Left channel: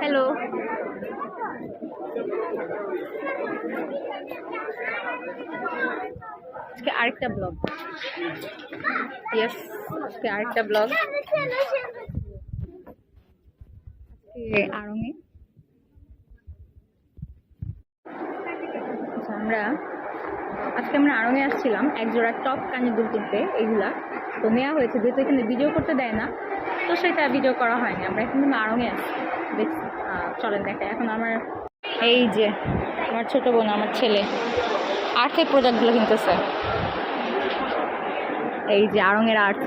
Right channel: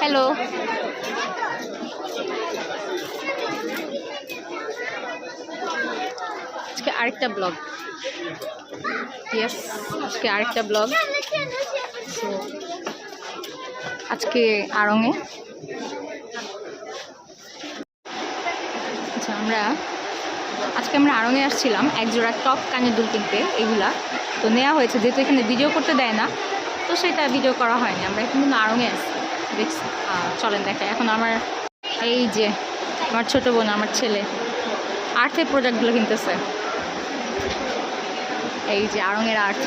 Hello আজকে আরেকটা blog yes আজকে আরেকটা ব্লগ আজকে আড়ংয়ে আচ্ছা আমরা আজকে আমরা আড়ংয়ে আসছিলাম এক জোড়া টপ কানের দুল কিনতে এগুলা। তো নেওয়া হয়েছে, যেহেতু এখানে ভিডিও করতে দেয় না, তো সেটা ভিডিও করা হয়নি। আমরা কিন্তু আড়ংয়ে আসছি। চলেন দেখে। এখন আমার এই যে আমার ছোট বোন, আমার ছেলে আর্থের প্রোডাক্টগুলো কিনতেছে। এই যে আড়ংয়ের আর্ট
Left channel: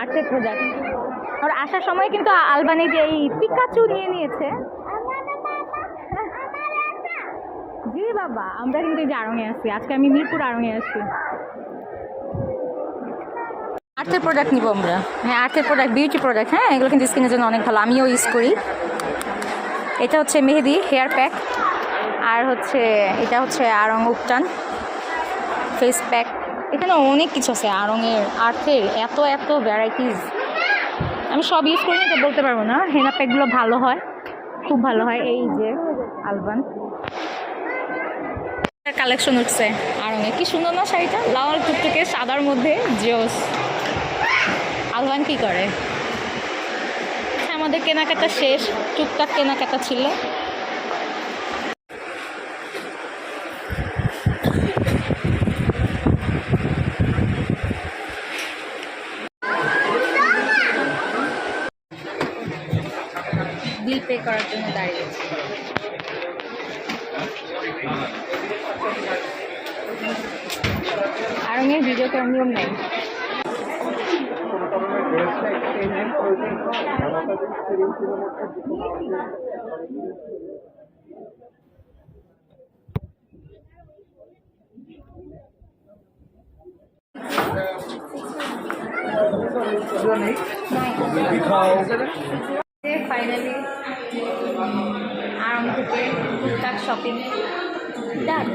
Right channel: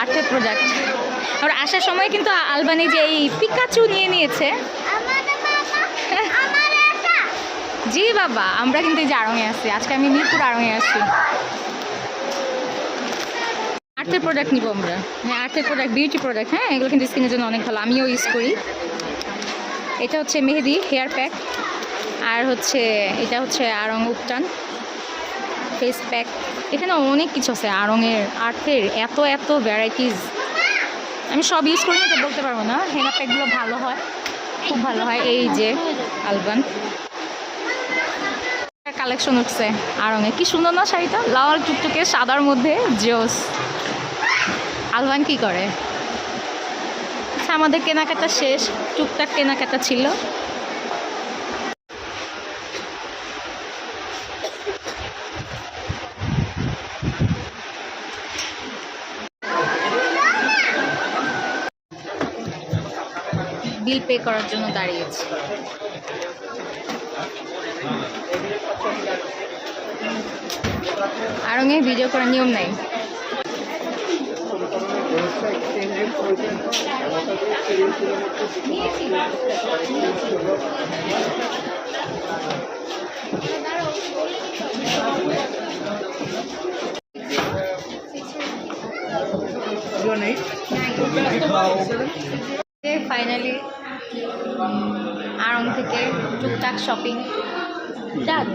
আর্টের প্রোডাক্ট আর আসার সময় কিন্তু আলবানি যে এই পিকাচু নিয়ে নিয়েছে। জি বাবা, আমরা কিন্তু এই যে আড়ংয়ে আছি। আজকে আমি মিরপুর আড়ংয়ে আছি। আর্থের প্রোডাক্ট নিব আমরা। হ্যাঁ আর্থের প্রোডাক্ট বিউটি প্রোডাক্ট হ্যাঁ এগুলো কিন্তু স্কিনের জন্য অনেক ভালো। আমিও ইউজ করি। এটা হচ্ছে মেহেদি হেয়ার প্যাক আর হচ্ছে, এটা হচ্ছে আড়ং উপটান ফেস প্যাক এখানে অনেক কিছু আছে আড়ংয়ের আর্থের, এত এত ভ্যারাইটিস আমি সব ইউজ করি তো বলতে পারব না। হেনা প্যাকগুলো ভালো হয়, খুব ভালো হয়। এই যে অ্যালবান কালেকশন উঠছে আড়ংয়ে কি সুন্দর না শাড়িটা? লাল টুকটুকে সাদার মধ্যে, জোস। আলবান কি করে? আমাদের কেনাকাটা শেষ, টুকটাক কেনাকাটা ছিল। বিল পে করার জন্য দাঁড়িয়েছি আরঙে ভিডিও করার নিয়ম নেই। ফাইনালি আরং থেকে টুকটাক শপিং ডান